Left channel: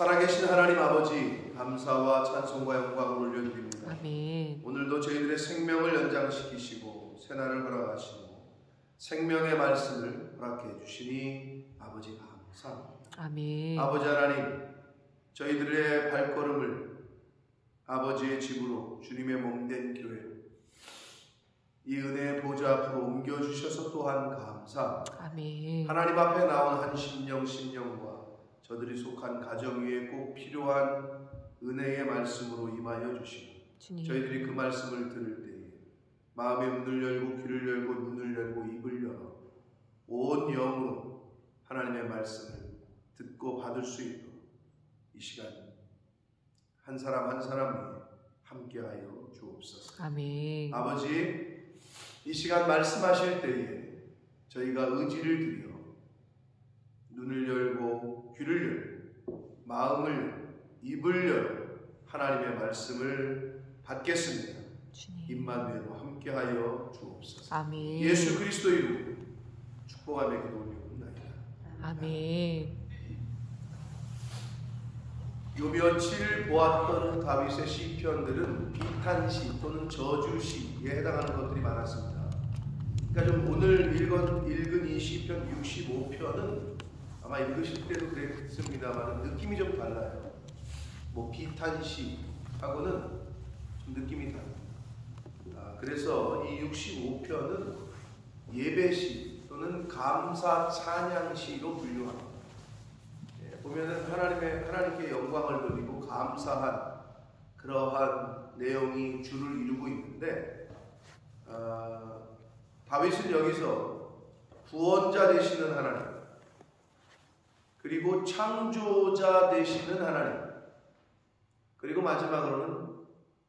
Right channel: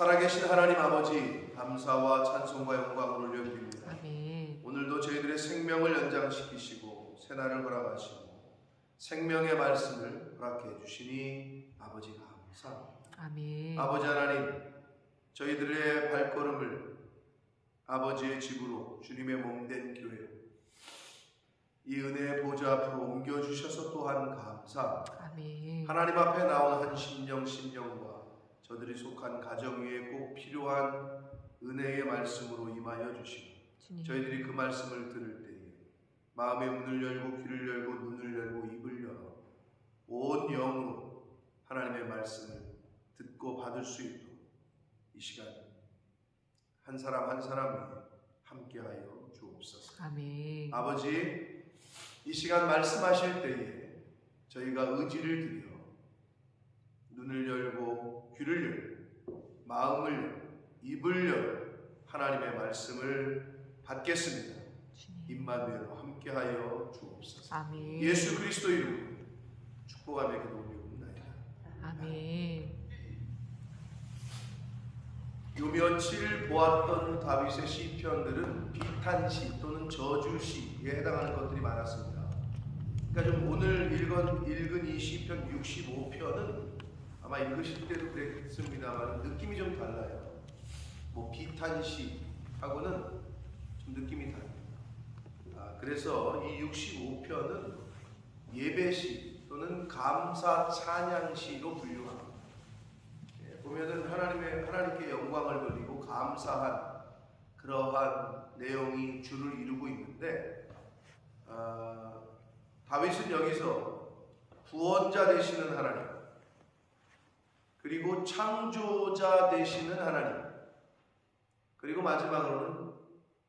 살아계신 하나님 아버지, 감사와 찬송과 영광을 올려드립니다. 아멘. 오늘도 저희들의 생명을 연장시키시고 새날을 허락하시고 생명의 말씀을 허락해 주시니 아버지가 감사합니다. 아멘. 아버지 하나님, 저희들의 발걸음을 아버지의 집으로, 주님의 몸된 교회로, 이 은혜의 보좌 앞으로 옮겨주셔서 또한 감사합니다. 아멘. 하나님 앞에 나온 한 심령과 저들이 속한 가정 위에 꼭 필요한 은혜의 말씀으로 임하여 주시고, 주님. 저희들이 그 말씀을 들을 때에 마음의 문을 열고 귀를 열고 눈을 열고 입을 열어 온 영으로 하나님의 말씀을 듣고 받을 수 있도록 이 시간 한 사람 한 사람 위에 함께하여 주옵소서. 아멘. 아버지, 이 시간 말씀하실 때에 저희가 의지를 들여 눈을 열고 귀를 열고 마음을 열고 입을 열어 하나님의 말씀을 받겠습니다. 주님. 임마누엘로 함께하여 주옵소서. 아멘. 예수 그리스도 이름으로 축복하며 기도 올리옵나이다. 아멘. 요 며칠 보았던 다윗의 시편들은 비탄시 또는 저주시에 해당하는 것들이 많았습니다. 그러니까 좀 오늘 읽은 이 시편 65편은 아마 읽으실 때도 그랬습니다만 느낌이 좀 달라요. 뭐 비탄시하고는 좀 느낌이 다릅니다. 그래서 이 65편은 예배시 또는 감사 찬양시로 분류합니다. 보면은 하나님께 영광을 돌리고 감사한 그러한 내용이 주를 이루고 있는데, 다윗은 여기서 구원자 되시는 하나님, 그리고 창조자 되시는 하나님, 그리고 마지막으로는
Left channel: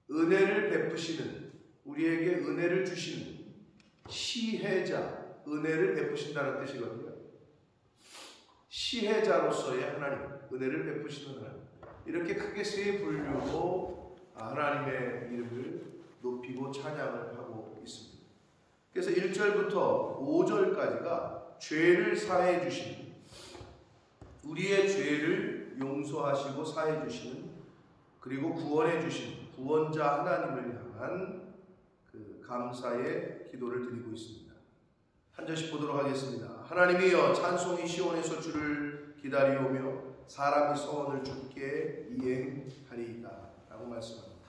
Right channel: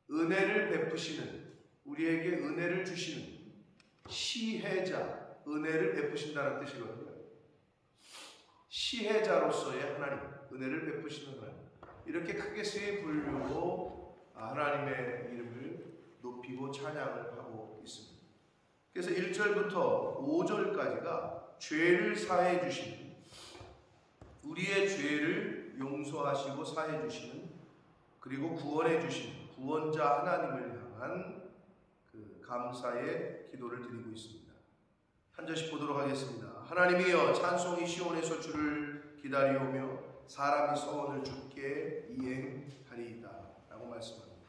은혜를 베푸시는, 우리에게 은혜를 주시는 시혜자, 은혜를 베푸신다는 뜻이거든요. 시혜자로서의 하나님, 은혜를 베푸시는 하나님, 이렇게 크게 세 분류로 하나님의 이름을 높이고 찬양을 하고 있습니다. 그래서 1절부터 5절까지가 죄를 사해 주시는, 우리의 죄를 용서하시고 사해 주시는, 그리고 구원해 주시는 구원자 하나님을 향한 그 감사의 기도를 드리고 있습니다. 한 절씩 보도록 하겠습니다. 하나님이여, 찬송이 시온에서 주를 기다리오며 사람이 서원을 주께 이행하리이다 라고 말씀합니다.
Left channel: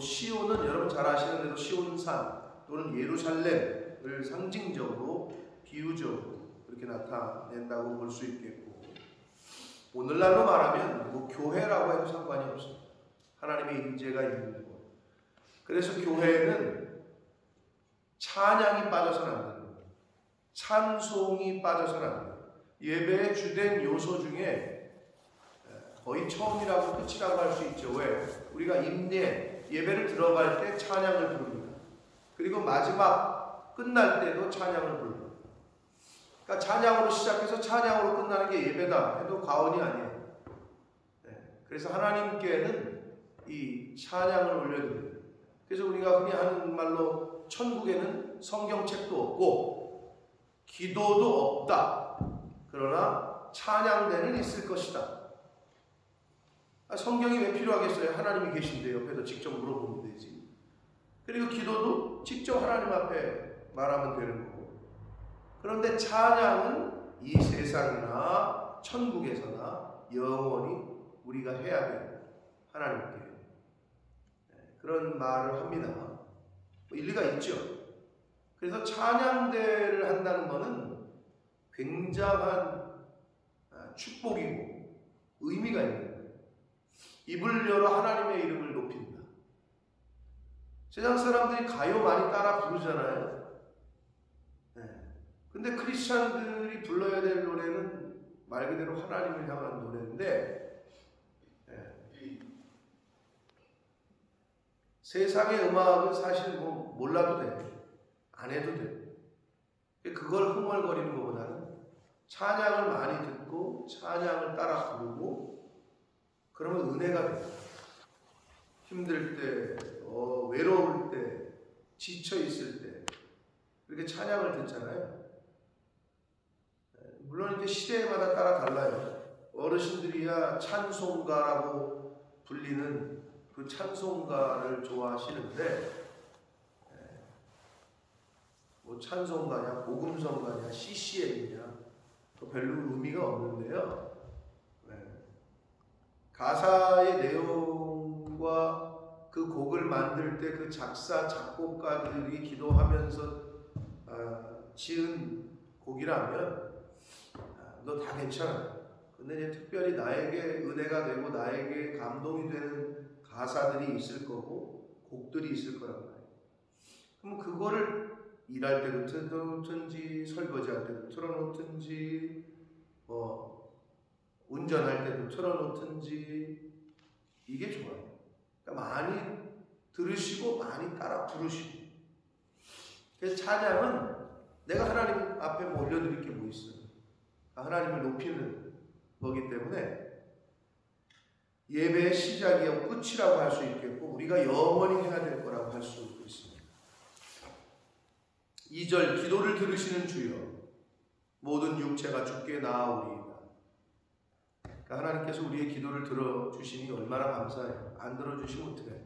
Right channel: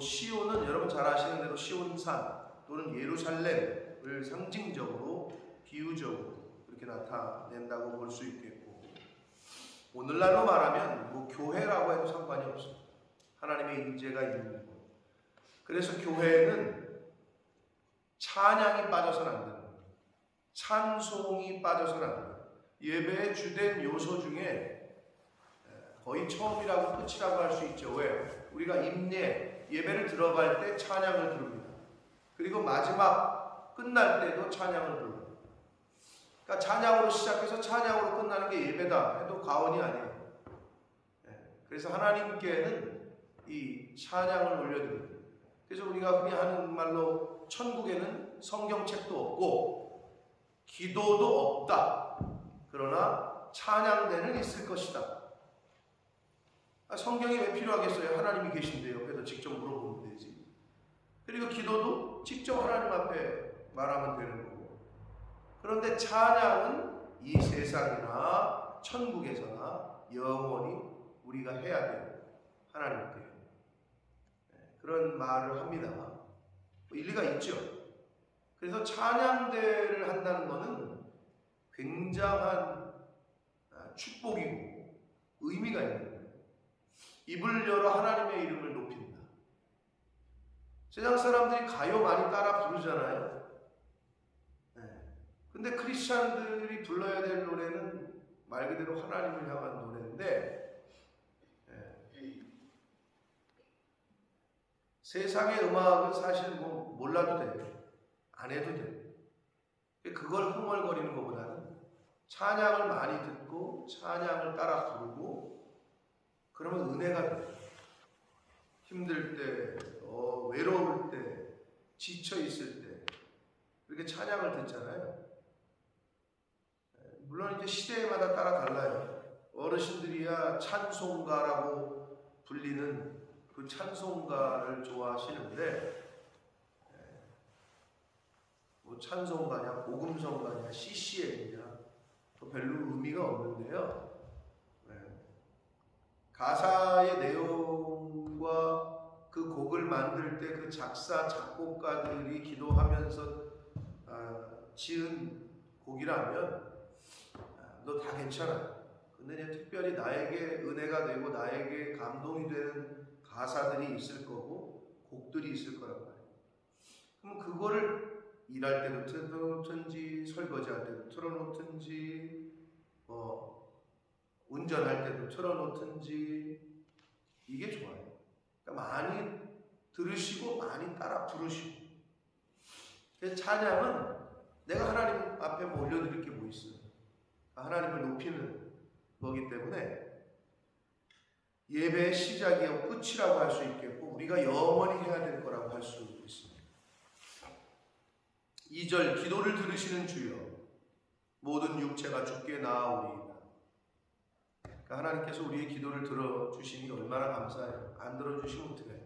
시온은 여러분 잘 아시는 대로 시온산 또는 예루살렘을 상징적으로, 비유적으로 그렇게 나타낸다고 볼 수 있겠고, 오늘날로 말하면 교회라고 해도 상관이 없습니다. 하나님의 임재가 있는 곳. 그래서 교회는 찬양이 빠져서는 안 됩니다. 찬송이 빠져서는 안 됩니다. 예배의 주된 요소 중에 거의 처음이라고 끝이라고 할 수 있죠. 왜? 우리가 예배를 들어갈 때 찬양을 부릅니다. 그리고 마지막 끝날 때도 찬양을 부릅니다. 그러니까 찬양으로 시작해서 찬양으로 끝나는 게 예배다 해도 과언이 아니에요. 그래서 하나님께는 이 찬양을 올려드립니다. 그래서 우리가 흔히 하는 말로 천국에는 성경책도 없고 기도도 없다. 그러나 찬양대는 있을 것이다. 성경이 왜 필요하겠어요? 하나님이 계신데 옆에서 직접 물어보면 되지. 그리고 기도도 직접 하나님 앞에 말하면 되는 거고. 그런데 찬양은 이 세상이나 천국에서나 영원히 우리가 해야 돼요. 하나님께. 그런 말을 합니다. 일리가 있죠. 그래서 찬양대를 한다는 것은 굉장한 축복이고 의미가 있는 거예요. 입을 열어 하나님의 이름을 높인다. 세상 사람들이 가요 많이 따라 부르잖아요. 근데 크리스찬들이 불러야 될 노래는 말 그대로 하나님을 향한 노래인데, 세상의 음악은 사실 몰라도 돼. 안 해도 돼. 그걸 흥얼거리는 것보다는 찬양을 많이 듣고 찬양을 따라 부르고 그러면 은혜가 돼. 힘들 때, 외로울 때, 지쳐 있을 때 이렇게 찬양을 듣잖아요. 물론 이제 시대마다 따라 달라요. 어르신들이야 찬송가라고 불리는 그 찬송가를 좋아하시는데, 뭐 찬송가냐 복음성가냐 CCM이냐 별로 의미가 없는데요. 가사의 내용과 그 곡을 만들 때 그 작사 작곡가들이 기도하면서 지은 곡이라면 너 다 괜찮아. 근데 이제 특별히 나에게 은혜가 되고 나에게 감동이 되는 가사들이 있을 거고 곡들이 있을 거란 말이에요. 그럼 그거를 일할 때도 틀어놓든지 설거지할 때도 틀어놓든지 운전할 때도 틀어놓든지 이게 좋아요. 그러니까 많이 들으시고 많이 따라 부르시고. 그래서 찬양은 내가 하나님 앞에 뭐 올려드릴 게 뭐 있어요. 하나님을 높이는 거기 때문에 예배의 시작이요 끝이라고 할 수 있겠고 우리가 영원히 해야 될 거라고 할 수 있습니다. 2절 기도를 들으시는 주여 모든 육체가 주께 나아오리이다. 그러니까 하나님께서 우리의 기도를 들어주시니 얼마나 감사해요. 안 들어주시면 어떡해요.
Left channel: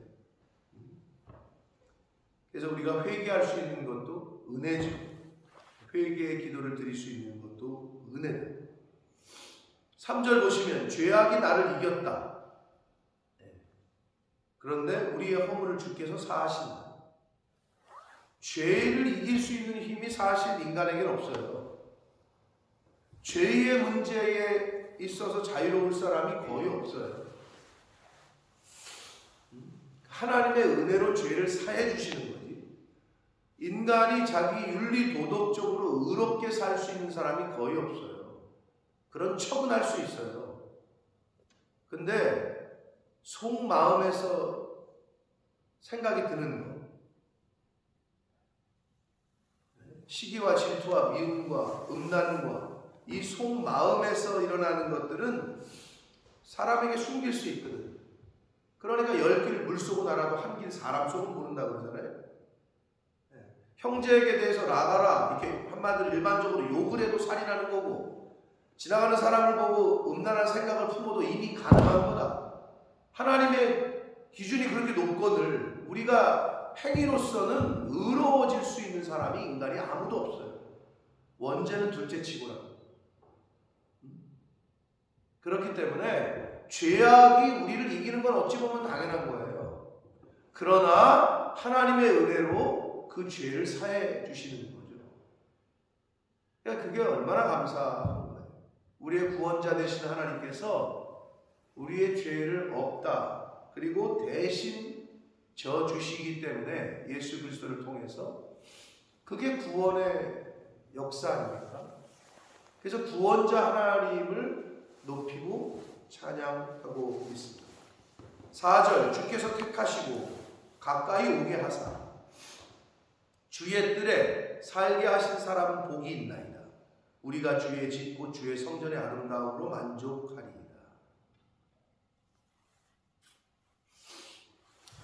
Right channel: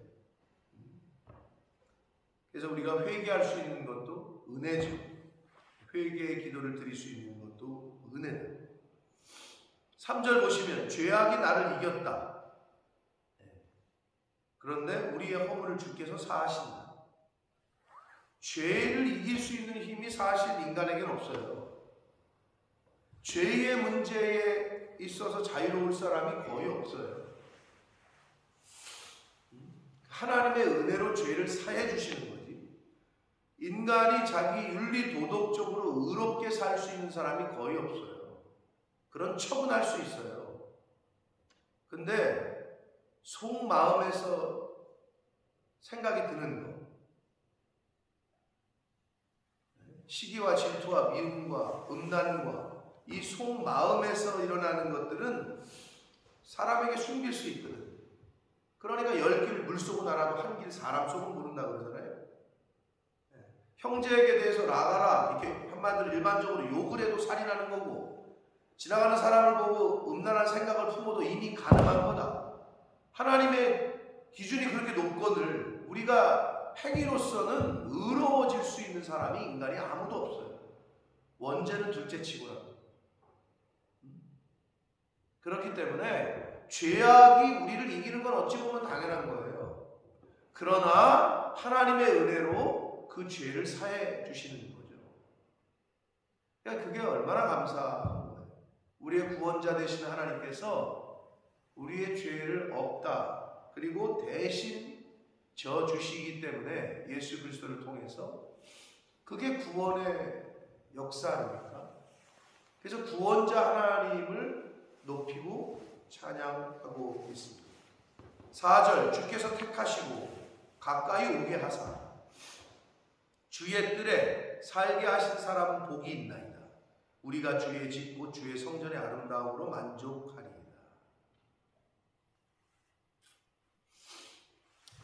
그래서 우리가 회개할 수 있는 것도 은혜죠. 회개의 기도를 드릴 수 있는 것도 은혜다. 3절 보시면 죄악이 나를 이겼다. 그런데 우리의 허물을 주께서 사하신다. 죄를 이길 수 있는 힘이 사실 인간에게는 없어요. 죄의 문제에 있어서 자유로울 사람이 거의 없어요. 하나님의 은혜로 죄를 사해 주시는 거지. 인간이 자기 윤리 도덕적으로 의롭게 살 수 있는 사람이 거의 없어요. 그런 척은 할 수 있어요. 근데 속마음에서 생각이 드는 거, 시기와 질투와 미움과 음란과 이 속마음에서 일어나는 것들은 사람에게 숨길 수 있거든. 그러니까 10길 물 속은 알아도 한 길 사람 속은 모른다고 그러잖아요. 형제에게 대해서 나가라 이렇게 한마디로 일반적으로 욕을 해도 살인하는 거고, 지나가는 사람을 보고 음란한 생각을 품어도 이미 가늠한 거다. 하나님의 기준이 그렇게 높거늘 우리가 행위로서는 의로워질 수 있는 사람이 인간이 아무도 없어요. 원죄는 둘째치고라도. 그렇기 때문에 죄악이 우리를 이기는 건 어찌 보면 당연한 거예요. 그러나 하나님의 은혜로 그 죄를 사해 주시는 거죠. 그러니까 그게 얼마나 감사한 거예요. 우리의 구원자 되시는 하나님께서 우리의 죄를 없다 그리고 대신 져 주시기 때문에 예수 그리스도를 통해서 그게 구원의 역사 아닙니까? 그래서 구원자 하나님을 높이고 찬양하고 있습니다. 4절 주께서 택하시고 가까이 오게 하사 주의 뜰에 살게 하신 사람은 복이 있나이다. 우리가 주의 집 곧 주의 성전의 아름다움으로 만족하리이다.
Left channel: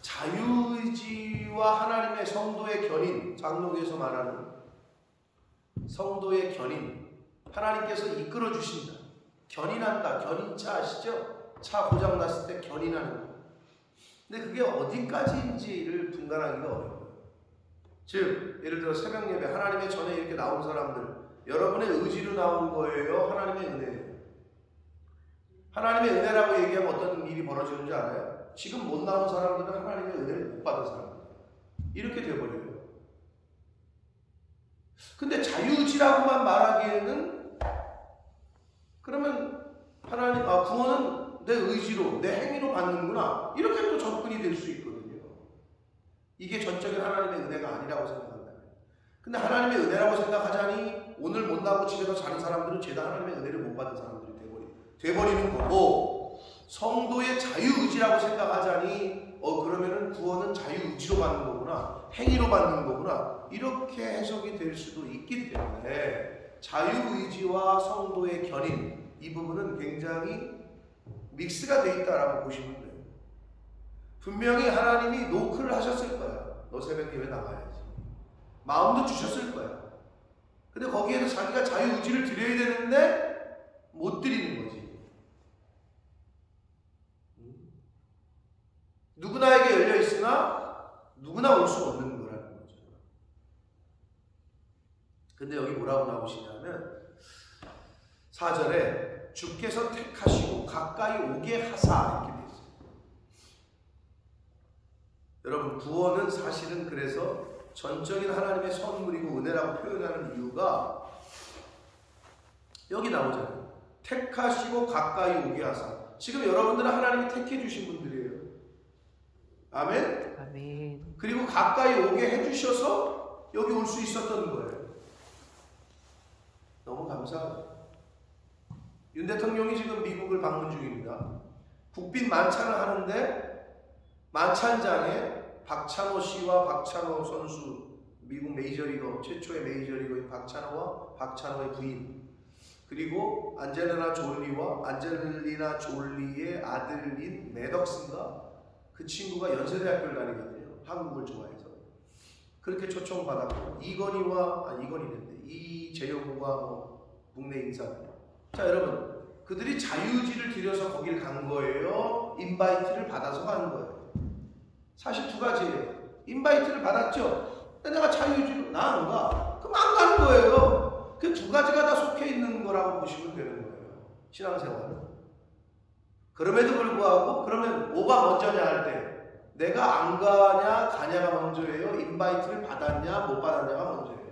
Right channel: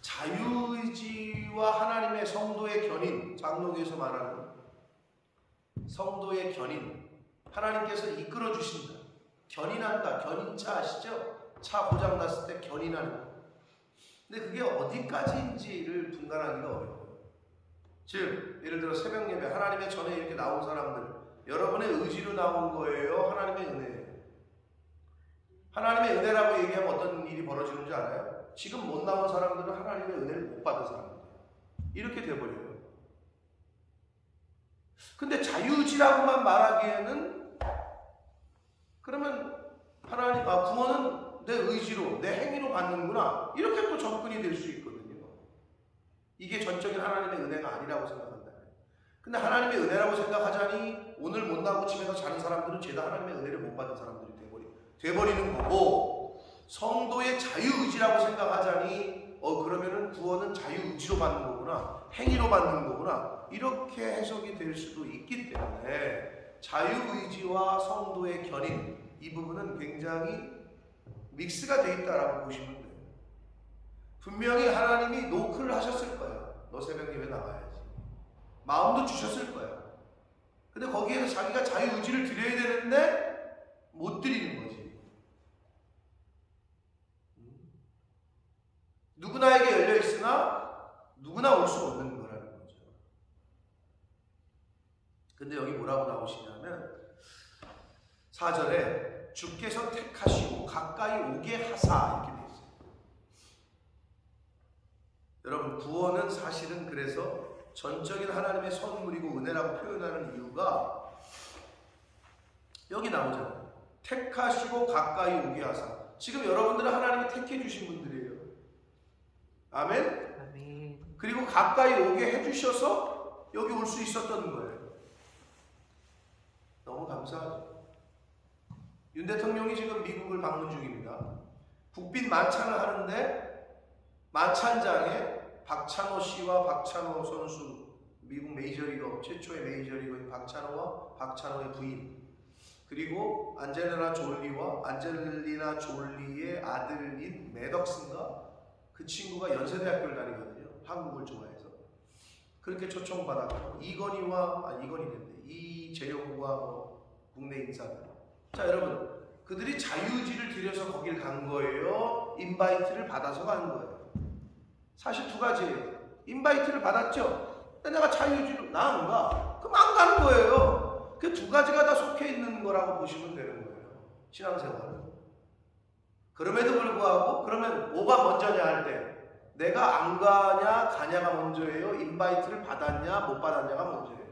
자유의지와 하나님의 성도의 견인, 장로교에서 말하는 성도의 견인, 하나님께서 이끌어 주신다. 견인한다. 견인차 아시죠? 차 고장 났을 때 견인하는 거. 근데 그게 어디까지인지를 분간하기가 어려워요. 즉 예를 들어 새벽 예배 하나님의 전에 이렇게 나온 사람들, 여러분의 의지로 나온 거예요? 하나님의 은혜예요? 하나님의 은혜라고 얘기하면 어떤 일이 벌어지는 줄 알아요? 지금 못 나온 사람들은 하나님의 은혜를 못 받은 사람들 이렇게 돼버려요. 근데 자유의지라고만 말하기에는 그러면 하나님 구원은 내 의지로 내 행위로 받는구나 이렇게 또 접근이 될 수 있거든요. 이게 전적인 하나님의 은혜가 아니라고 생각한다. 근데 하나님의 은혜라고 생각하자니 오늘 못 나오고 집에서 자는 사람들은 죄다 하나님의 은혜를 못 받은 사람들이 돼버리는 거고, 성도의 자유의지라고 생각하자니 그러면은 구원은 자유의지로 받는 거구나, 행위로 받는 거구나 이렇게 해석이 될 수도 있기 때문에 자유의지와 성도의 견인 이 부분은 굉장히 믹스가 돼 있다라고 보시면 돼요. 분명히 하나님이 노크를 하셨을 거야. 너 새벽 예배 나가야지. 마음도 주셨을 거야. 근데 거기에서 자기가 자유의지를 드려야 되는데 못 드리는 거지. 했으나 누구나 올 수 없는 거라는 거죠. 근데 여기 뭐라고 나오시냐면 4절에 주께서 택하시고 가까이 오게 하사 이렇게 돼 있어요. 여러분 구원은 사실은 그래서 전적인 하나님의 선물이고 은혜라고 표현하는 이유가 여기 나오잖아요. 택하시고 가까이 오게 하사. 지금 여러분들은 하나님이 택해 주신 분들이에요. 아멘? 아멘. 그리고 가까이 오게 해주셔서 여기 올 수 있었던 거예요. 너무 감사하죠. 윤 대통령이 지금 미국을 방문 중입니다. 국빈 만찬을 하는데 만찬장에 박찬호 씨와 박찬호 선수, 미국 메이저리거 최초의 메이저리거인 박찬호와 박찬호의 부인, 그리고 안젤리나 졸리의 아들인 매덕슨가 그 친구가 연세대학교를 다니거든요. 한국을 좋아해서 그렇게 초청받았고 이재용과 뭐 국내 인사들. 자 여러분, 그들이 자유지를 들여서 거기를 간 거예요? 인바이트를 받아서 간 거예요? 사실 두 가지예요. 인바이트를 받았죠. 근데 내가 자유지로 나 안 가. 그럼 안 가는 거예요. 그 두 가지가 다 속해 있는 거라고 보시면 되는 거예요. 신앙생활은. 그럼에도 불구하고 그러면 뭐가 먼저냐 할 때 내가 안 가냐 가냐가 먼저예요? 인바이트를 받았냐 못 받았냐가 먼저예요.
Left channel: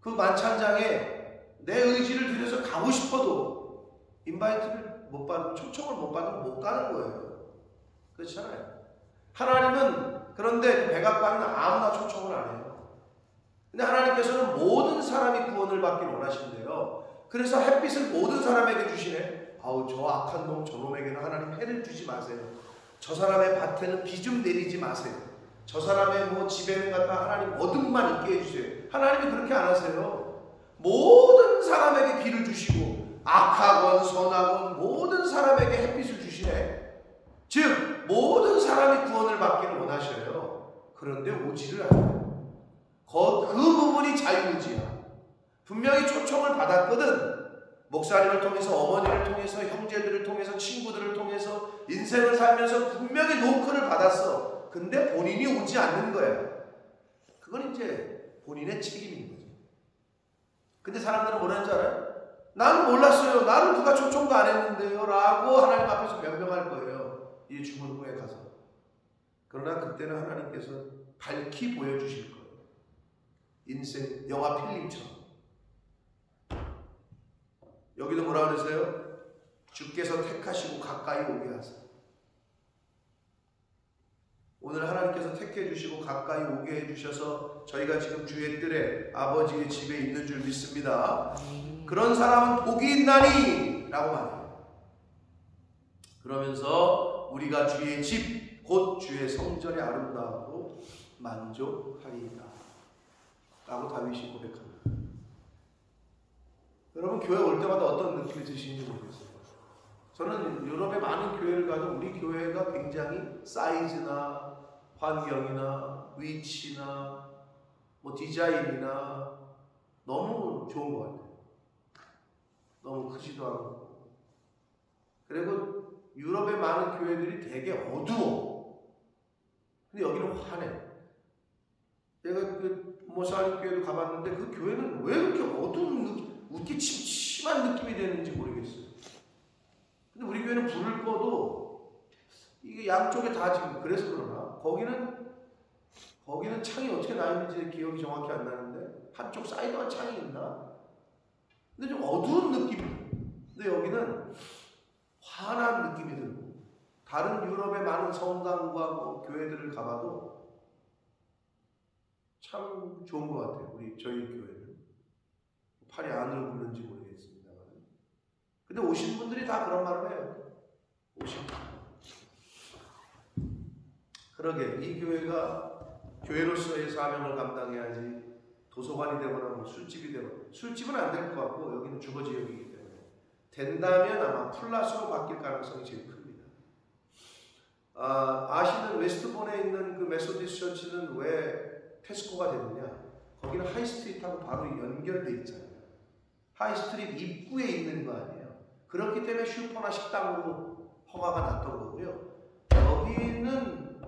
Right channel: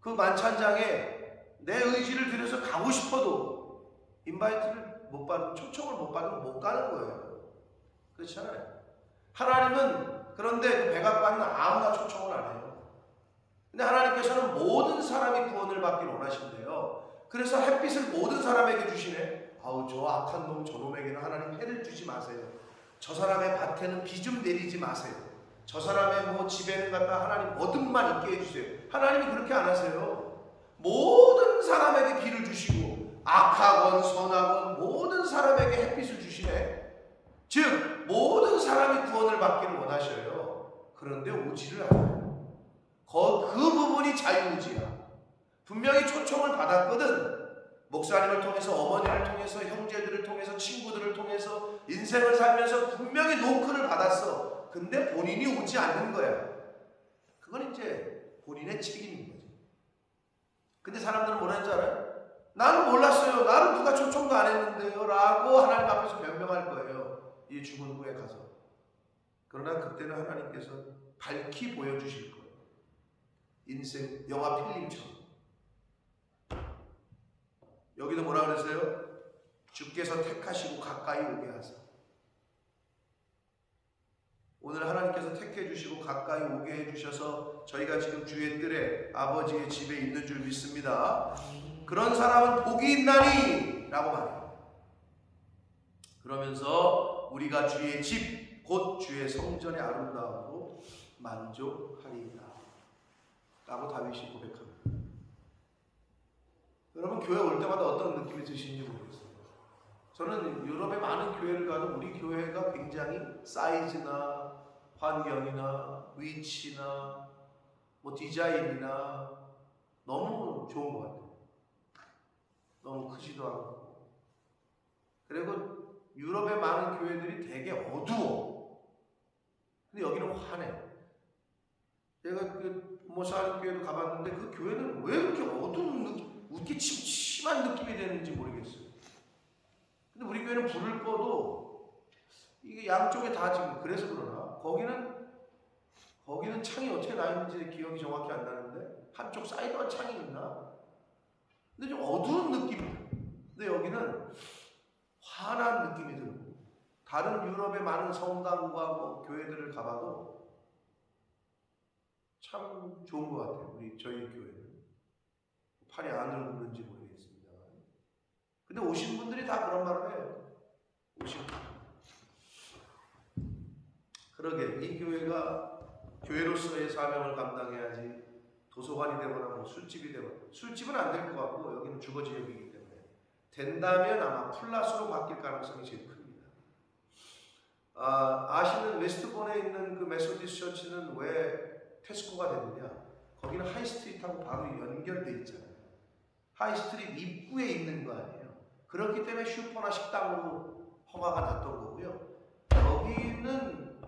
그 만찬장에 내 의지를 들여서 가고 싶어도 인바이트를 못 받으면, 초청을 못 받으면 못 가는 거예요. 그렇잖아요. 하나님은 그런데 그 백악관은 아무나 초청을 안 해요. 근데 하나님께서는 모든 사람이 구원을 받기를 원하신대요. 그래서 햇빛을 모든 사람에게 주시네. 아우 저 악한 놈 저놈에게는 하나님 해를 주지 마세요. 저 사람의 밭에는 비 좀 내리지 마세요. 저 사람의 뭐 집에는 갖다 하나님 어둠만 있게 해주세요. 하나님이 그렇게 안 하세요. 모든 사람에게 비를 주시고 악하건 선하건 모든 사람에게 햇빛을 주시네. 즉 모든 사람이 구원을 받기를 원하셔요. 그런데 오지를 않아요. 그 부분이 자유의지야. 분명히 초청을 받았거든. 목사님을 통해서, 어머니를 통해서, 형제들을 통해서, 친구들을 통해서 인생을 살면서 분명히 노크를 받았어. 근데 본인이 오지 않는 거야. 그건 이제 본인의 책임인 거지. 근데 사람들은 뭐라는지 알아요? 나는 몰랐어요. 나를 누가 초청도 안 했는데요. 라고 하나님 앞에서 변명할 거예요. 이 죽은 후에 가서. 그러나 그때는 하나님께서 밝히 보여주실 거예요. 인생 영화 필름처럼. 여기도 뭐라 그러세요? 주께서 택하시고 가까이 오게 하사. 오늘 하나님께서 택해 주시고 가까이 오게 해주셔서 저희가 지금 주의 뜰에 아버지의 집에 있는 줄 믿습니다. 그런 사람은 복이 있나니 라고 말해요. 그러면서 우리가 주의 집 곧 주의 성전의 아름다움으로 만족하리이다 라고 다윗이 고백합니다. 여러분 교회 올 때마다 어떤 느낌이 드시는지 모르겠어요. 저는 유럽의 많은 교회를 가도 우리 교회가 굉장히 사이즈나 환경이나 위치나 뭐 디자인이나 너무 좋은 것 같아요. 너무 크지도 않고. 그리고 유럽의 많은 교회들이 되게 어두워. 근데 여기는 환해. 제가 그 모사님 교회도 가봤는데 그 교회는 왜 그렇게 어두운 느낌, 이렇게 침침한 느낌이 되는지 모르겠어요. 근데 우리 교회는 불을 꺼도 이게 양쪽에 다 지금 그래서 그러나 거기는 창이 어떻게 나 있는지 기억이 정확히 안 나는데 한쪽 사이드만 창이 있나? 근데 좀 어두운 느낌이에요. 근데 여기는 환한 느낌이 들고 다른 유럽의 많은 성당과 뭐 교회들을 가봐도 참 좋은 것 같아요. 저희 교회는 팔이 안으로 굽는지 모르겠습니다만. 근데 오신 분들이 다 그런 말을 해요. 오신 분. 그러게 이 교회가 교회로서의 사명을 감당해야지 도서관이 되거나 뭐 술집이 되거나, 술집은 안 될 것 같고 여기는 주거 지역이기 때문에 된다면 아마 플러스로 바뀔 가능성이 제일 큽니다. 아시는 웨스트본에 있는 그 메소디스트 처치는 왜 테스코가 됐느냐? 거기는 하이스트리트하고 바로 연결돼 있잖아요. 하이스트리트 입구에 있는 거 아니에요. 그렇기 때문에 슈퍼나 식당으로 허가가 났던 거고요. 여기는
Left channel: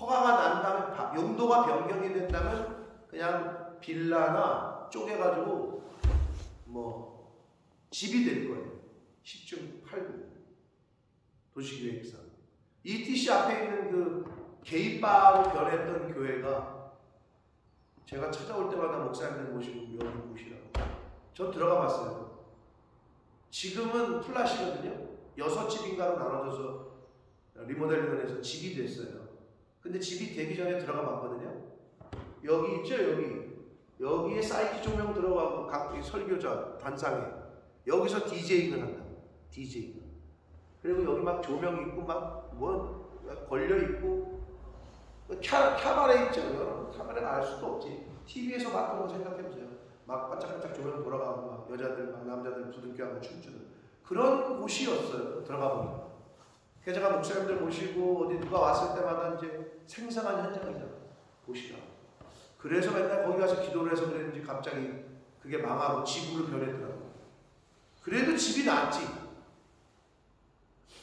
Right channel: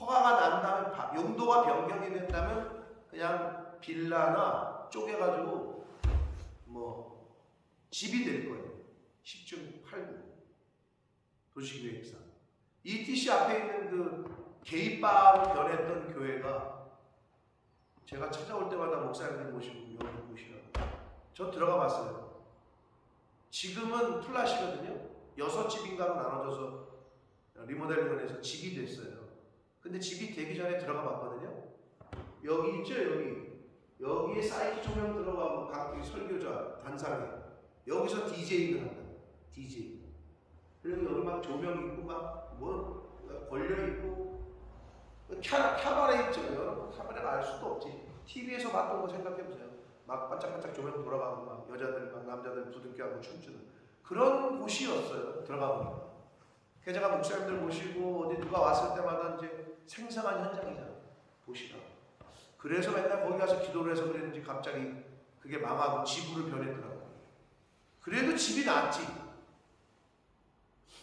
허가가 난 다음에 용도가 변경이 된다면 그냥 빌라나 쪼개가지고 뭐 집이 될 거예요. 10중 8구 도시계획상. ETC 앞에 있는 그 게이바로 변했던 교회가 제가 찾아올 때마다 목사님들 모시고 여기 보시라고. 저 들어가 봤어요. 지금은 플랫이거든요. 6집인가로 나눠져서 리모델링을 해서 집이 됐어요. 근데 집이 되기 전에 들어가 봤거든요. 여기 있죠, 여기에 사이키 조명 들어가고 각 설교자 단상에 여기서 DJ를 한다. DJ. 그리고 여기 막 조명 있고 막 뭐 걸려 있고 캬바레 있죠. 여러분 캬바레가 알 수도 없지. TV에서 봤던 거 생각해 보세요. 막 반짝반짝 조명 돌아가고 막 여자들 막 남자들 부둥켜하고 춤추는 그런 곳이었어요. 들어가 보니까. 그래서 제가 목사님들 모시고 어디 누가 왔을 때마다 이제 생생한 현장이다 보시라. 그래서 맨날 거기 가서 기도를 해서 그랬는지 갑자기 그게 망하고 집으로 변했더라고. 그래도 집이 낫지.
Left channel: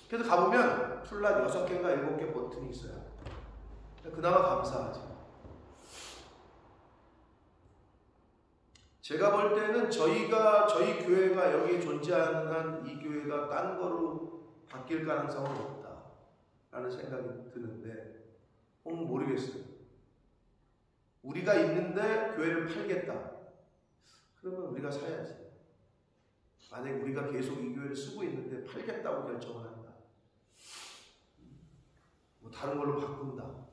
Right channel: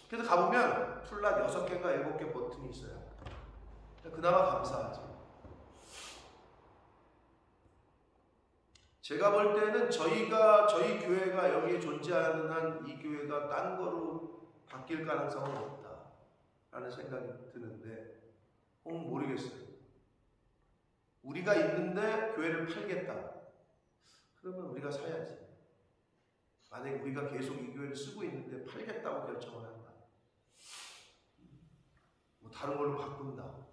그래서 가보면 플랫 6개인가 7개 버튼이 있어요. 그나마 감사하지. 제가 볼 때는 저희 교회가 여기에 존재하는 한 이 교회가 딴 거로 바뀔 가능성은 없다라는 생각이 드는데 모르겠어요. 우리가 있는데 교회를 팔겠다. 그러면 우리가 사야지. 만약에 우리가 계속 이 교회를 쓰고 있는데 팔겠다고 결정을 한다. 뭐 다른 걸로 바꾼다. 뭐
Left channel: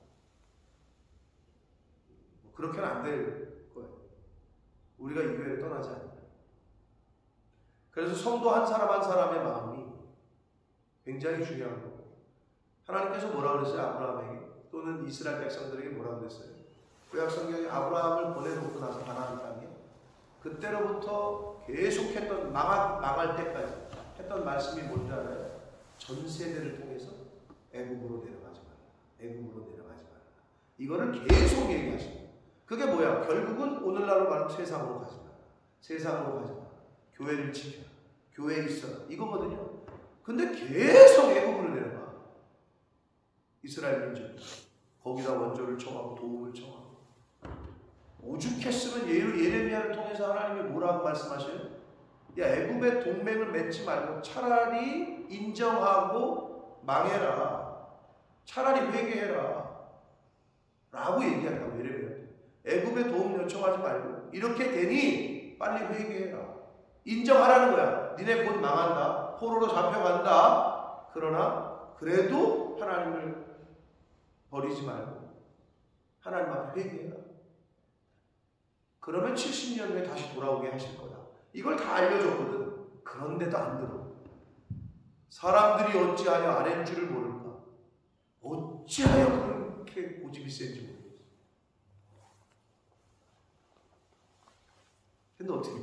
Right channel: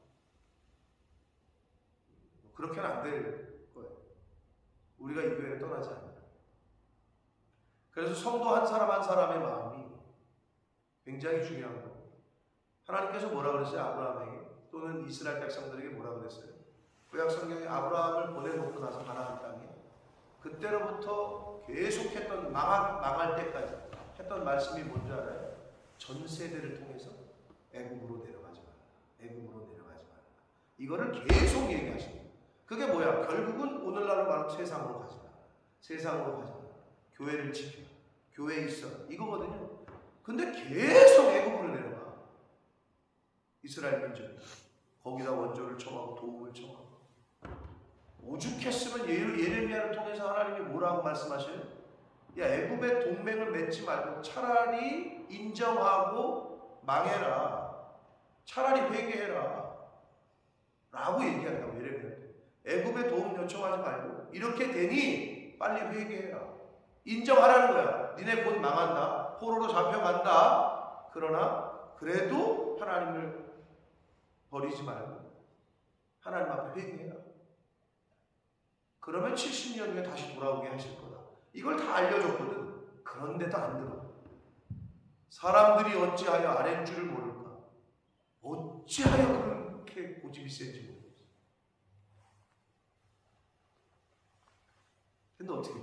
그렇게는 안 될 거예요. 우리가 이 교회를 떠나지 않는다. 그래서 성도 한 사람 한 사람의 마음이 굉장히 중요한 거고, 하나님께서 뭐라 그랬어요? 아브라함에게 또는 이스라엘 백성들에게 뭐라 그랬어요? 구약 성경에 아브라함을 보내놓고 나서 가나안 땅에 그때로부터 계속했던 망할 때까지 했던 말씀이 뭔지 알아요? 전 세대를 통해서 애굽으로 내려가지 마라. 애굽으로 내려가지 마라. 이거를 계속 얘기하십니다. 그게 뭐야? 결국은 오늘날로 말하면 세상으로 가지 마라. 세상으로 가지 마라. 교회를 지켜라. 교회에 있어라. 이거거든요. 근데 계속 애굽으로 내려가. 이스라엘 민족이. 거기다 원조를 청하고 도움을 청하고. 오죽했으면 예레미야를 통해서 하나님이 뭐라고 말씀하셔요? 야, 애굽의 동맹을 맺지 말고 차라리 인정하고 망해라. 차라리 회개해라. 라고 얘기한다고, 예레미야한테. 애굽의 도움 요청하지 말고 이렇게 되니 빨리 회개해라. 인정하라는 거야. 니네 곧 망한다. 포로로 잡혀간다. 그러나 그래도 하나님을 버리지 말고 하나님 앞에 회개해라. 그러면 70년 후에 다시 돌아오게 하실 거다. 이걸 다 알려줬거든. 그런데도 안 들어. 사람들이 어찌하여 아랫 줄을 모를까? 어찌하여 그렇게 고집이 센지 모르겠어. 근데 어떻게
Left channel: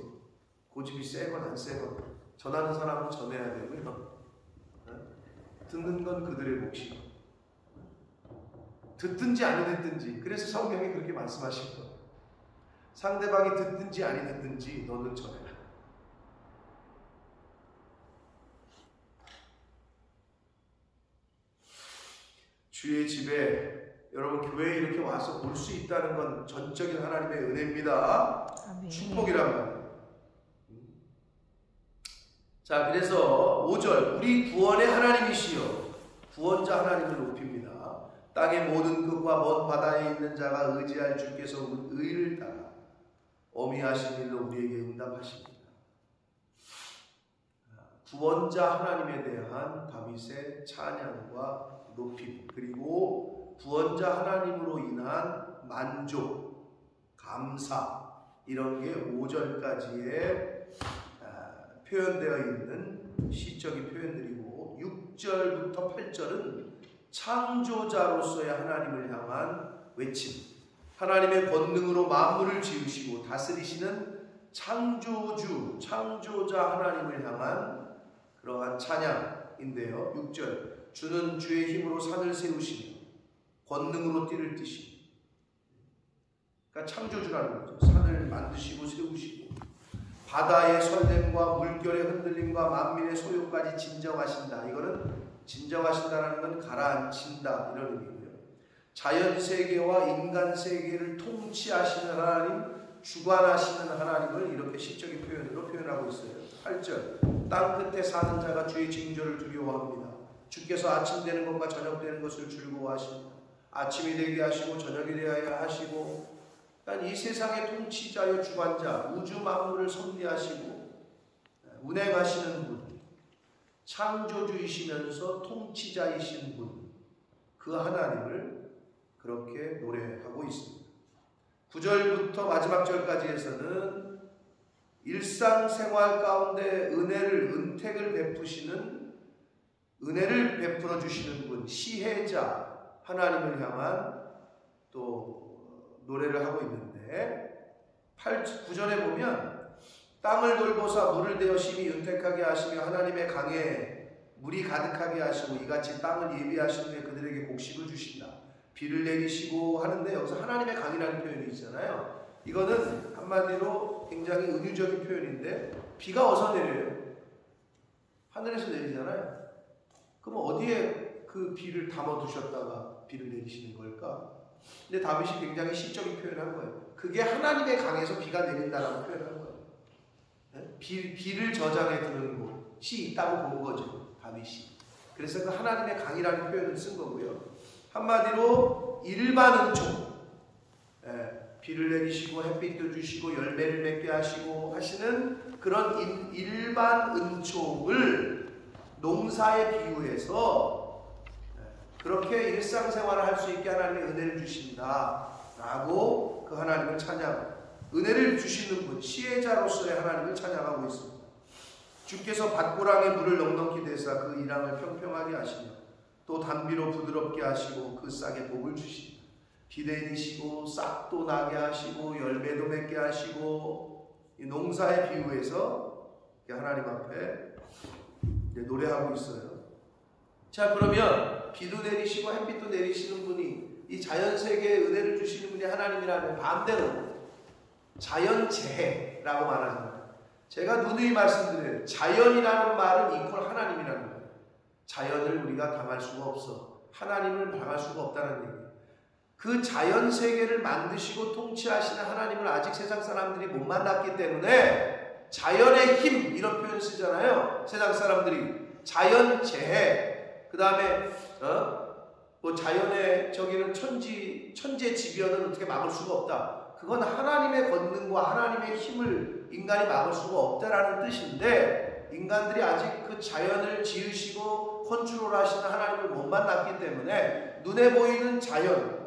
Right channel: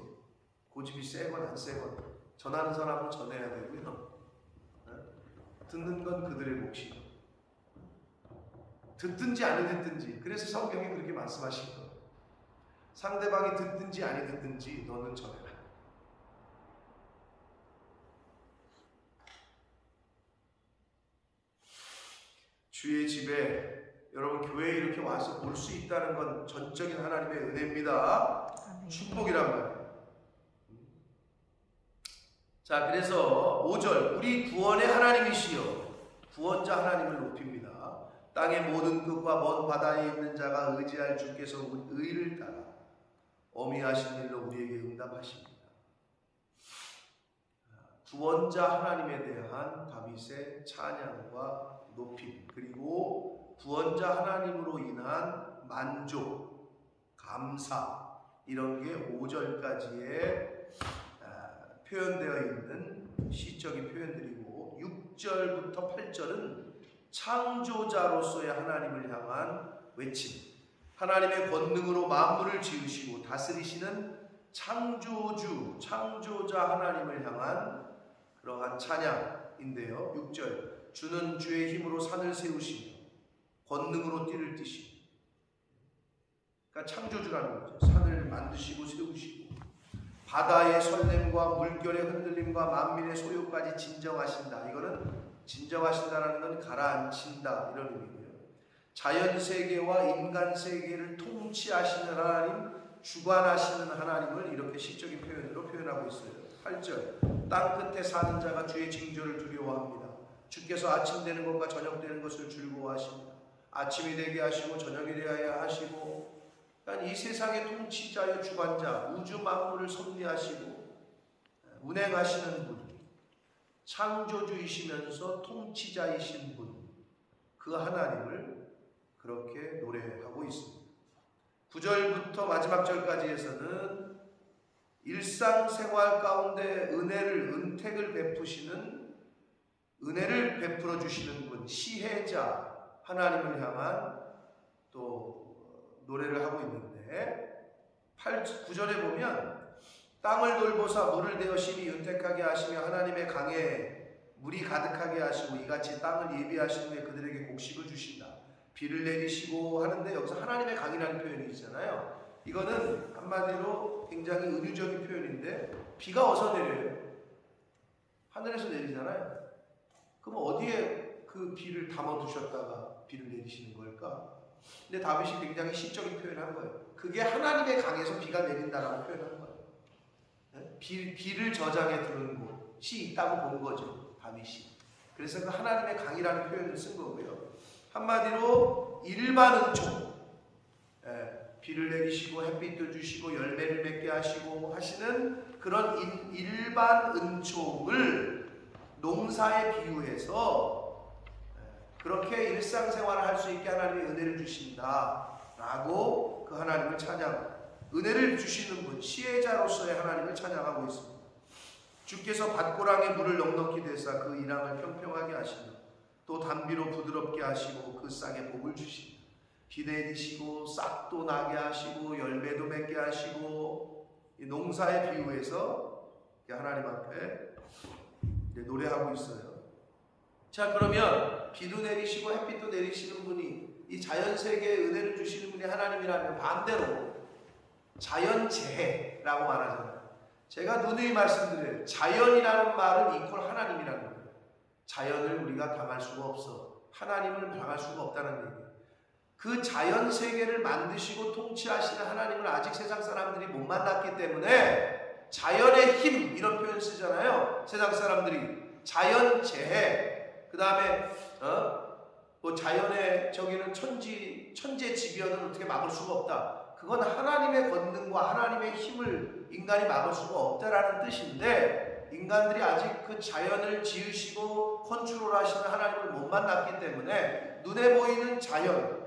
고집이 세건 안 세건 전하는 사람은 전해야 되고요. 듣는 건 그들의 몫이고, 듣든지 안 듣든지. 그래서 성경이 그렇게 말씀하신 거예요. 상대방이 듣든지 아니 듣든지 너는 전해라. 주의 집에, 여러분 교회에 이렇게 와서 볼 수 있다는 건 전적인 하나님의 은혜입니다. 아멘. 축복이란 말이에요. 자, 그래서 5절, 우리 구원의 하나님이시여, 구원자 하나님을 높입니다. 땅의 모든 끝과 먼 바다에 있는 자가 의지할 주께서 의를 따라 어미하신 일로 우리에게 응답하십니다. 구원자 하나님에 대한 다윗의 찬양과 높임, 그리고 구원자 하나님으로 인한 만족, 감사, 이런 게 5절까지의 표현되어 있는 시적인 표현들이고, 6절부터 8절은 창조자로서의 하나님을 향한 외침, 하나님의 권능으로 만물을 지으시고 다스리시는 창조주, 창조자 하나님을 향한 그러한 찬양인데요. 6절, 주는 주의 힘으로 산을 세우시며 권능으로 띠를 띠시고, 그러니까 창조주라는 거죠. 산을 만드시고 세우시고 바다의 설렘과 물결의 흔들림과 만민의 소요까지 진정하신다. 이거는 진정하신다라는 건 가라앉힌다 이런 의미고요. 자연 세계와 인간 세계를 통치하시는 하나님, 주관하시는 하나님을 이렇게 시적인 표현으로 표현하고 있어요. 8절, 땅 끝에 사는 자가 주의 징조를 두려워합니다. 주께서 아침 되는 것과 저녁 되는 것을 즐거워하십니다. 아침이 되게 하시고 저녁이 되어야 하시고, 그러니까 이 세상의 통치자여 주관자, 우주 만물을 섭리하시고 운행하시는 분, 창조주이시면서 통치자이신 분, 그 하나님을 그렇게 노래하고 있습니다. 9절부터 마지막 절까지에서는 일상생활 가운데 은혜를 베풀어 주시는 분, 시혜자 하나님을 향한 또 노래를 하고 있는데, 9절에 보면 땅을 돌보사 물을 대어 심히 윤택하게 하시며 하나님의 강에 물이 가득하게 하시고 이같이 땅을 예비하신 후에 그들에게 곡식을 주신다. 비를 내리시고 하는데, 여기서 하나님의 강이라는 표현이 있잖아요. 이거는 한마디로 굉장히 은유적인 표현인데, 비가 어디서 내려요? 하늘에서 내리잖아요. 그럼 어디에 그 비를 담아두셨다가 비를 내리시는 걸까? 근데 다윗이 굉장히 시적인 표현을 한 거예요. 그게 하나님의 강에서 비가 내린다라고 표현한 거예요. 비를 저장해 두는 곳이 있다고 본 거죠, 다윗이. 그래서 그 하나님의 강이라는 표현을 쓴 거고요. 한마디로 일반 은총, 비를 내리시고 햇빛도 주시고 열매를 맺게 하시고 하시는 그런 일반 은총을 농사에 비유해서 그렇게 일상생활을 할 수 있게 하나님의 은혜를 주신다라고 그 하나님을 찬양, 은혜를 주시는 분, 시혜자로서의 하나님을 찬양하고 있습니다. 주께서 밭고랑에 물을 넉넉히 대사 그 이랑을 평평하게 하시며 또 단비로 부드럽게 하시고 그 싹에 복을 주신다. 비 내리시고 싹도 나게 하시고 열매도 맺게 하시고, 이 농사에 비유해서 하나님 앞에 노래하고 있어요. 자, 그러면 비도 내리시고 햇빛도 내리시는 분이, 이 자연세계에 은혜를 주시는 분이 하나님이라면 반대로 자연재해라고 말하잖아요. 제가 누누이 말씀드려요. 자연이라는 말은 이퀄 하나님이라는 거예요. 자연을 우리가 당할 수가 없어. 하나님을 당할 수가 없다는 얘기예요. 그 자연세계를 만드시고 통치하시는 하나님을 아직 세상 사람들이 못 만났기 때문에 자연의 힘, 이런 표현 쓰잖아요. 세상 사람들이 자연재해, 그 다음에 뭐 자연의 저기는 천재지변은 어떻게 막을 수가 없다. 그건 하나님의 권능과 하나님의 힘을 인간이 막을 수가 없다라는 뜻인데, 인간들이 아직 그 자연을 지으시고 컨트롤하시는 하나님을 못 만났기 때문에 눈에 보이는 자연,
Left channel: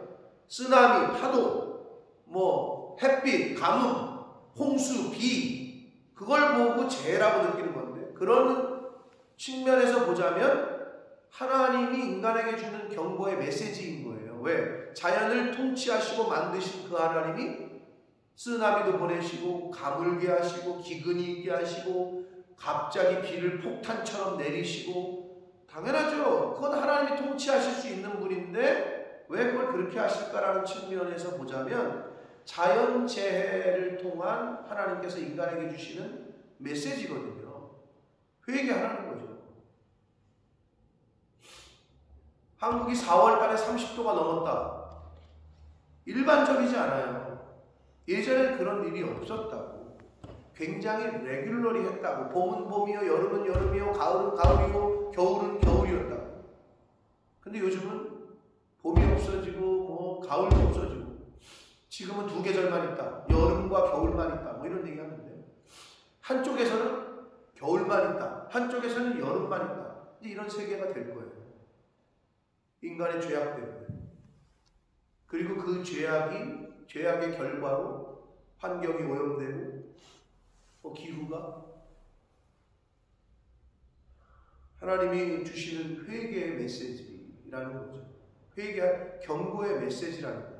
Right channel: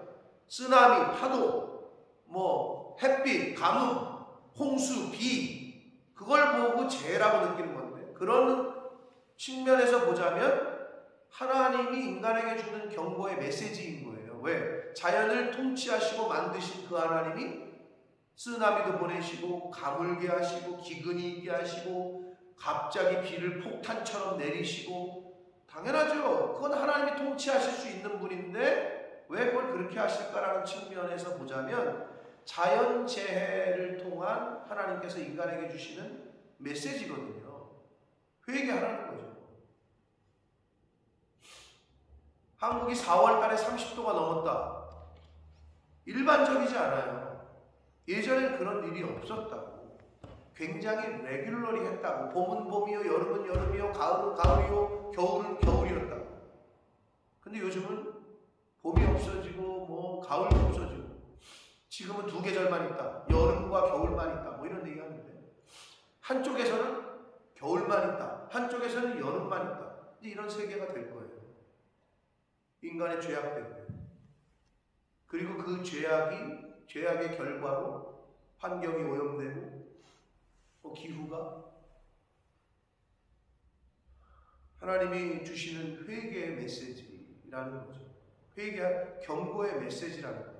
쓰나미, 파도, 뭐 햇빛, 가뭄, 홍수, 비, 그걸 보고 재해라고 느끼는 건데, 그런 측면에서 보자면 하나님이 인간에게 주는 경고의 메시지인 거예요. 왜? 자연을 통치하시고 만드신 그 하나님이 쓰나미도 보내시고 가물게 하시고 기근이 있게 하시고 갑자기 비를 폭탄처럼 내리시고, 당연하죠. 그건 하나님이 통치하실 수 있는 분인데 왜 그걸 그렇게 하실까라는 측면에서 보자면 자연재해를 통한 하나님께서 인간에게 주시는 메시지거든요. 회개하라는 거죠. 한국이 4월 달에 30도가 넘었다. 일반적이지 않아요. 예전에 그런 일이 없었다고. 굉장히 레귤러리 했다고. 봄은 봄이요, 여름은 여름이요, 가을은 가을이요, 겨울은 겨울이었다고. 근데 요즘은 봄이 없어지고 뭐 가을도 없어지고, 지금은 두 계절만 있다. 여름과 겨울만 있다. 뭐 이런 얘기 하는데, 한쪽에서는 겨울만 있다. 한쪽에서는 여름만 있다. 이제 이런 세계가 될 거예요. 인간의 죄악 때문에. 그리고 그 죄악의 결과로 환경이 오염되고 기후가, 하나님이 주시는 회개의 메시지라는 거죠. 회개, 경고의 메시지라는 거죠.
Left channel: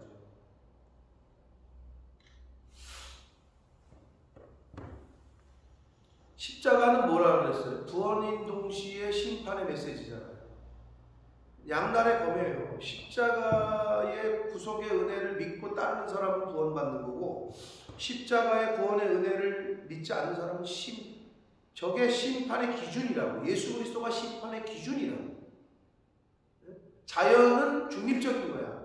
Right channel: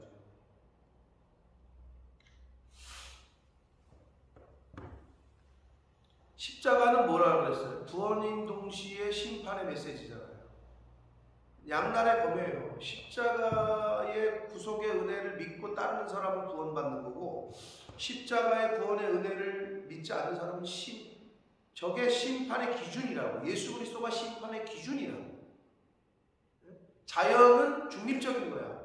십자가는 뭐라 그랬어요? 구원인 동시에 심판의 메시지잖아요. 양날의 검이에요. 십자가의 구속의 은혜를 믿고 따르는 사람은 구원받는 거고, 십자가의 구원의 은혜를 믿지 않는 사람은 저게 심판의 기준이라고. 예수 그리스도가 심판의 기준이라고. 자연은 중립적인 거야.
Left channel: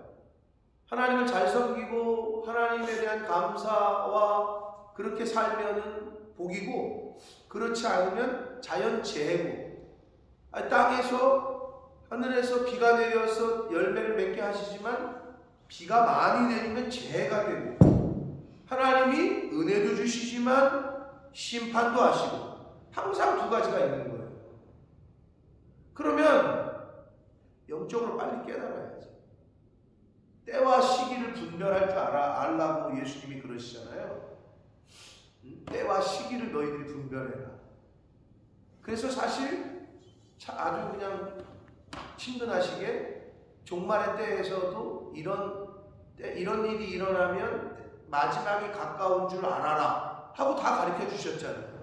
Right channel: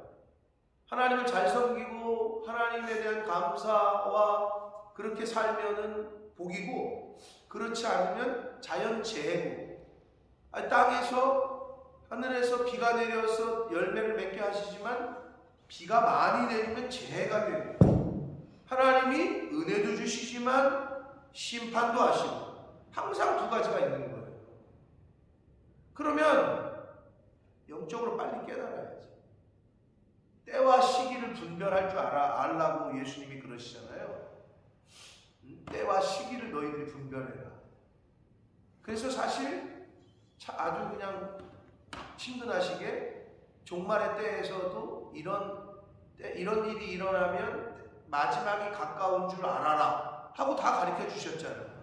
하나님을 잘 섬기고 하나님에 대한 감사와 그렇게 살면은 복이고, 그렇지 않으면 자연재해고, 땅에서 하늘에서 비가 내려서 열매를 맺게 하시지만 비가 많이 내리면 재해가 되고, 하나님이 은혜도 주시지만 심판도 하시고, 항상 두 가지가 있는 거예요. 그러면 영적으로 빨리 깨달아야지. 때와 시기를 분별할 줄 알라고 예수님이 그러시잖아요. 때와 시기를 너희들이 분별해라. 그래서 사실 아주 그냥 친근하시게 종말의 때에서도 이런 일이 일어나면 마지막이 가까운 줄 알아라 하고 다 가르쳐 주셨잖아요.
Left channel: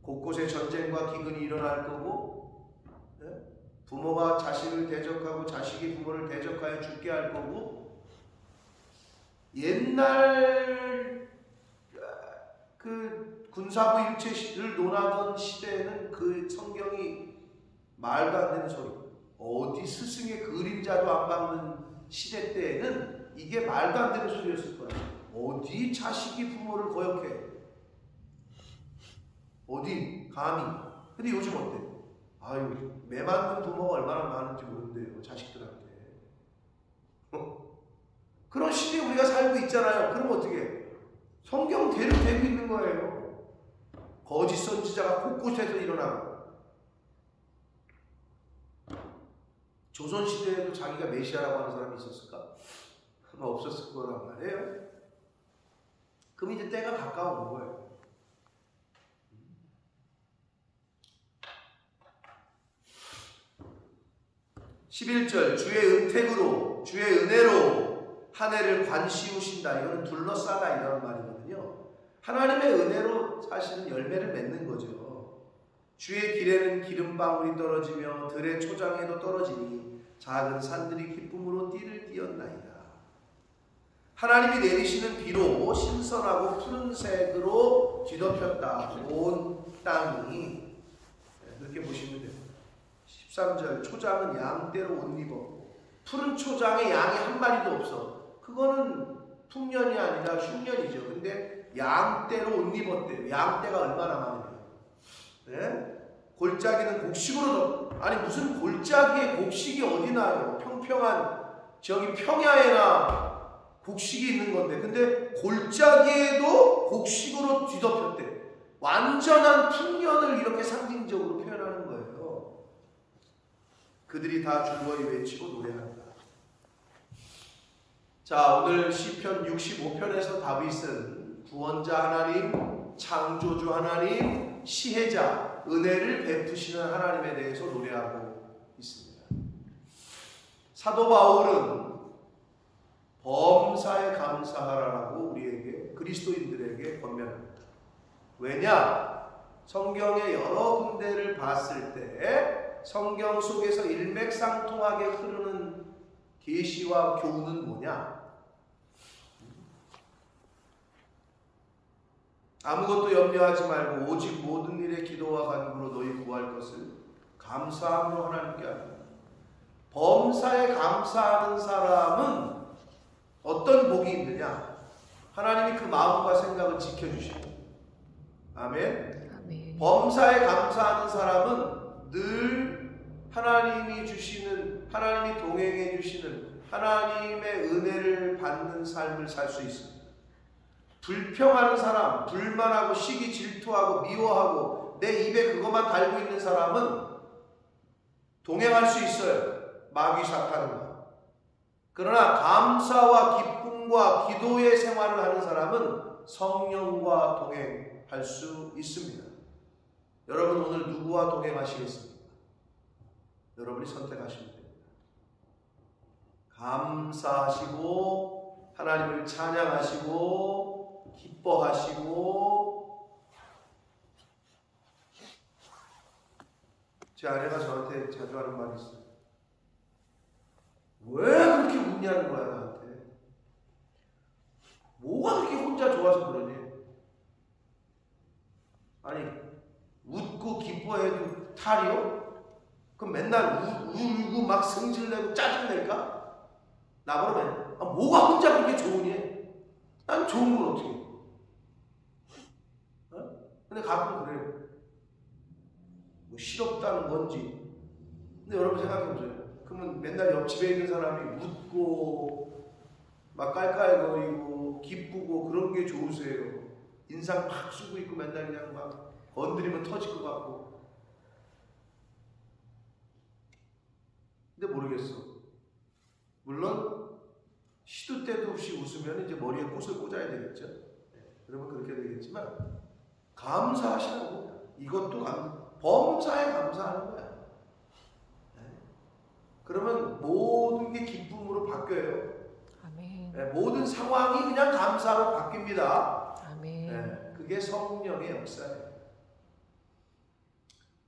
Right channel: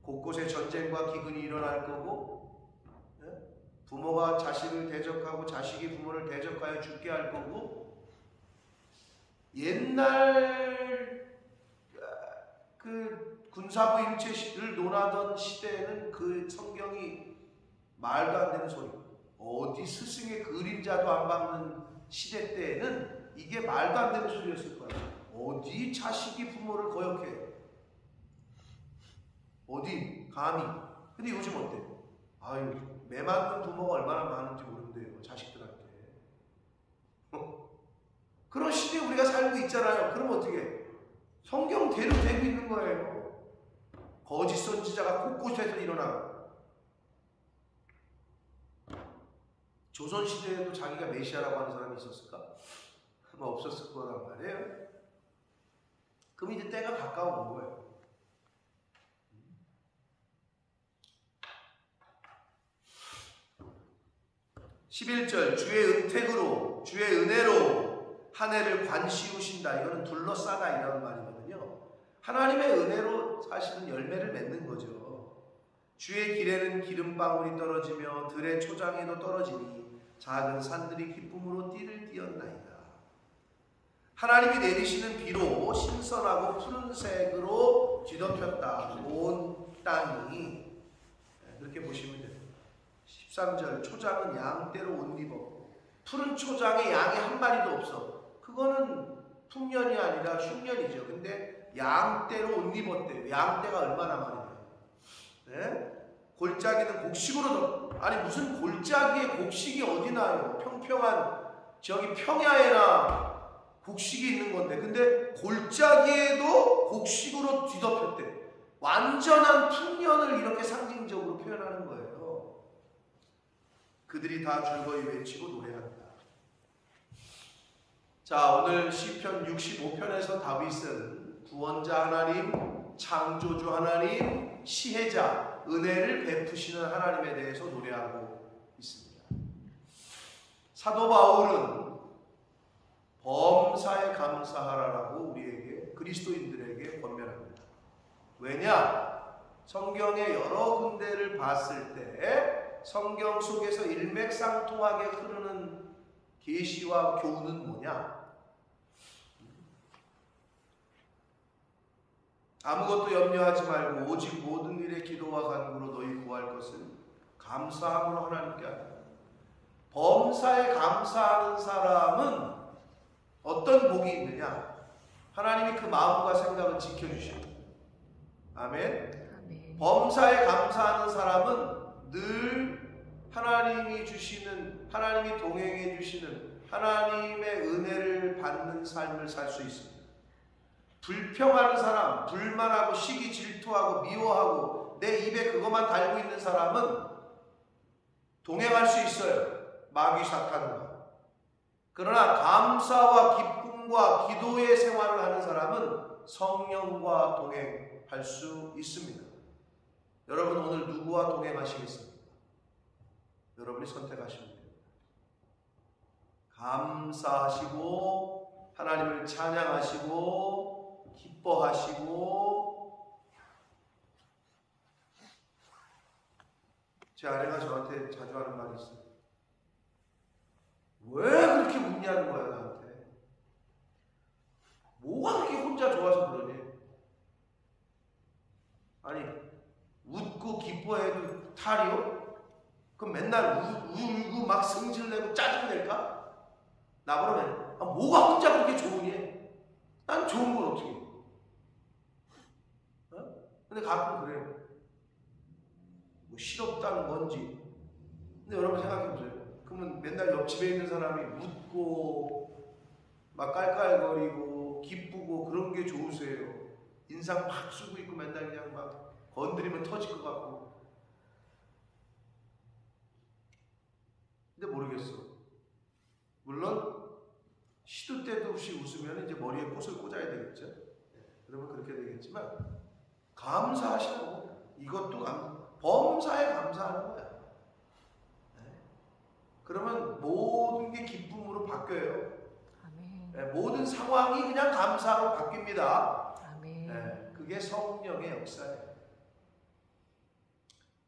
곳곳에 전쟁과 기근이 일어날 거고, 부모가 자식을 대적하고 자식이 부모를 대적하여 죽게 할 거고, 옛날 그 군사부 일체를 논하던 시대에는 그 성경이 말도 안 되는 소리, 어디 스승의 그림자도 안 밟는 시대 때에는 이게 말도 안 되는 소리였을 거야. 어디 자식이 부모를 거역해? 어디 감히? 근데 요즘 어때? 아유, 매 맞는 부모가 얼마나 많은지 모른대요, 자식들한테. 그런 시대에 우리가 살고 있잖아요. 그럼 어떻게 해? 성경대로 되고 있는 거예요. 거짓 선지자가 곳곳에서 일어나고, 조선시대에도 자기가 메시아라고 하는 사람이 있었을까? 아마 없었을 거란 말이에요. 그럼 이제 때가 가까운 거예요. 11절, 주의 은택으로, 주의 은혜로 한 해를 관시우신다. 이거는 둘러싸다 이런 말이거든요. 하나님의 은혜로 사실은 열매를 맺는 거죠. 주의 길에는 기름방울이 떨어지며 들의 초장에도 떨어지니 작은 산들이 기쁨으로 띠를 띄었나이다. 하나님이 내리시는 비로 신선하고 푸른색으로 뒤덮였다. 온 땅이. 그렇게 보시면 됩니다. 13절, 초장은 양떼로 옷 입었고, 푸른 초장에 양이 한 마리도 없어. 그거는 풍년이 아니라 흉년이죠. 근데 양떼로 옷 입었대요. 양떼가 얼마나 많으냐. 네? 골짜기는 곡식으로 아니 무슨 골짜기에 곡식이 어디 나요? 평평한 저기 평야에나 곡식이 있는 건데, 근데 골짜기에도 곡식으로 뒤덮였대. 완전한 풍년을 이렇게 상징적으로 표현하는 거예요. 그들이 다 즐거이 외치고 노래한다. 자, 오늘 시편 65편에서 다윗은 구원자 하나님, 창조주 하나님, 시혜자, 은혜를 베푸시는 하나님에 대해서 노래하고 있습니다. 사도 바울은 범사에 감사하라라고 우리에게, 그리스도인들에게 권면합니다. 왜냐? 성경의 여러 군데를 봤을 때 성경 속에서 일맥상통하게 흐르는 계시와 교훈은 뭐냐? 아무것도 염려하지 말고 오직 모든 일에 기도와 간구로 너희 구할 것을 감사함으로 하나님께 하라. 범사에 감사하는 사람은 어떤 복이 있느냐? 하나님이 그 마음과 생각을 지켜주십니다. 아멘. 범사에 감사하는 사람은 늘 하나님이 주시는, 하나님이 동행해 주시는 하나님의 은혜를 받는 삶을 살 수 있습니다. 불평하는 사람, 불만하고 시기 질투하고 미워하고 내 입에 그것만 달고 있는 사람은 동행할 수 있어요. 마귀 사탄과. 그러나 감사와 기쁨과 기도의 생활을 하는 사람은 성령과 동행할 수 있습니다. 여러분 오늘 누구와 동행하시겠습니까? 여러분이 선택하시면 됩니다. 감사하시고 하나님을 찬양하시고 기뻐하시고. 제 아내가 저한테 자주 하는 말이 있어요. 왜 그렇게 웃냐는 거야 나한테. 뭐가 그렇게 혼자 좋아서 그러니? 아니 웃고 기뻐해도 탈이요? 그럼 맨날 울고 막 성질내고 짜증낼까? 나보라면 뭐가 혼자 그렇게 좋으니? 난 좋은 건 어떻게 해? 근데 가끔 그래요. 뭐 실없다는 건지. 근데 여러분 생각해 보세요. 그러면 맨날 옆집에 있는 사람이 웃고 막 깔깔거리고 기쁘고 그런 게 좋으세요? 인상 팍 쓰고 있고 맨날 그냥 막 건드리면 터질 것 같고. 근데 모르겠어. 물론 시도 때도 없이 웃으면 이제 머리에 꽃을 꽂아야 되겠죠. 그러면 그렇게 되겠지만 감사하시라고. 이것도 범사에 감사하는 거야. 그러면 모든 게 기쁨으로 바뀌어요. 아멘. 모든 상황이 그냥 감사로 바뀝니다. 아멘. 그게 성령의 역사예요.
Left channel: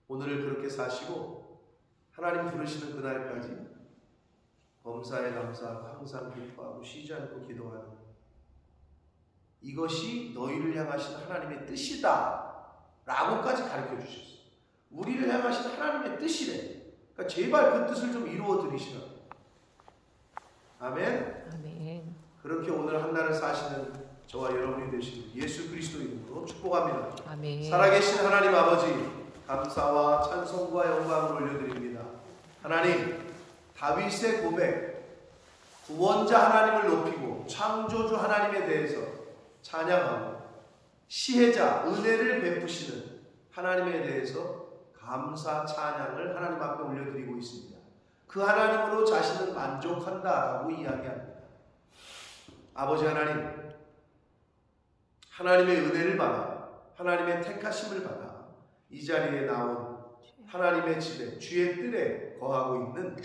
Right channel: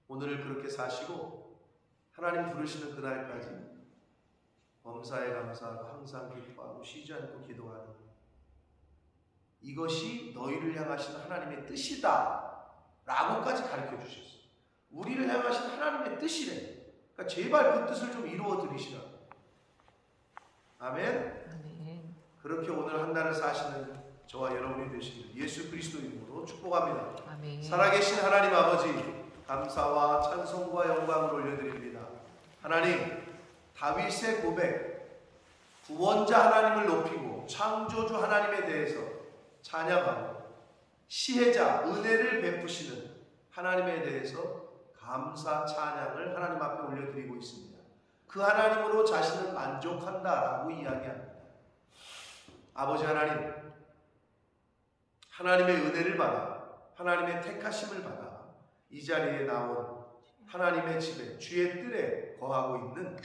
오늘을 그렇게 사시고 하나님 부르시는 그날까지 범사에 감사하고 항상 기뻐하고 쉬지 않고 기도하는 이것이 너희를 향하신 하나님의 뜻이다 라고까지 가르쳐 주셨어요. 우리를 향하신 하나님의 뜻이래. 그러니까 제발 그 뜻을 좀 이루어 드리시라. 아멘. 아멘. 그렇게 오늘 한날을 사시는 저와 여러분이 되시길 예수 그리스도 이름으로 축복합니다. 아멘. 살아계신 하나님 아버지, 감사와 찬송과 영광을 올려드립니다. 하나님, 다윗의 고백, 구원자 하나님을 높이고 창조주 하나님에 대해서 찬양하고 시혜자, 은혜를 베푸시는 하나님에 대해서 감사 찬양을 하나님 앞에 올려드리고 있습니다. 그 하나님으로 자신은 만족한다라고 이야기합니다. 아버지 하나님, 하나님의 은혜를 받아 하나님의 택하심을 받아 이 자리에 나온 하나님의 집에 주의 뜰에 거하고 있는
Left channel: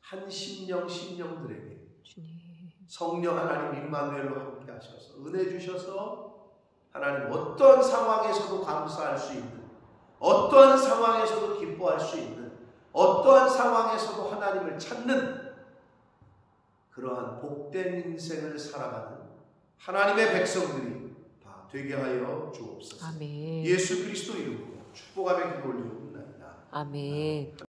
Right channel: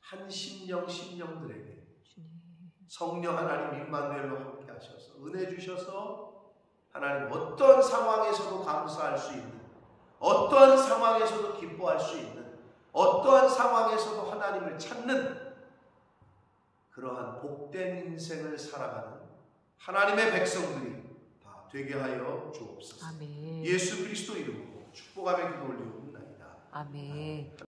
한 심령들에게 성령 하나님 임마누엘로 함께 하셔서 은혜 주셔서 하나님 어떤 상황에서도 감사할 수 있는, 어떠한 상황에서도 기뻐할 수 있는, 어떠한 상황에서도 하나님을 찾는 그러한 복된 인생을 살아가는 하나님의 백성들이 다 되게 하여 주옵소서. 아멘. 예수 그리스도 이름으로 축복하며 기도 올리옵나이다. 아멘.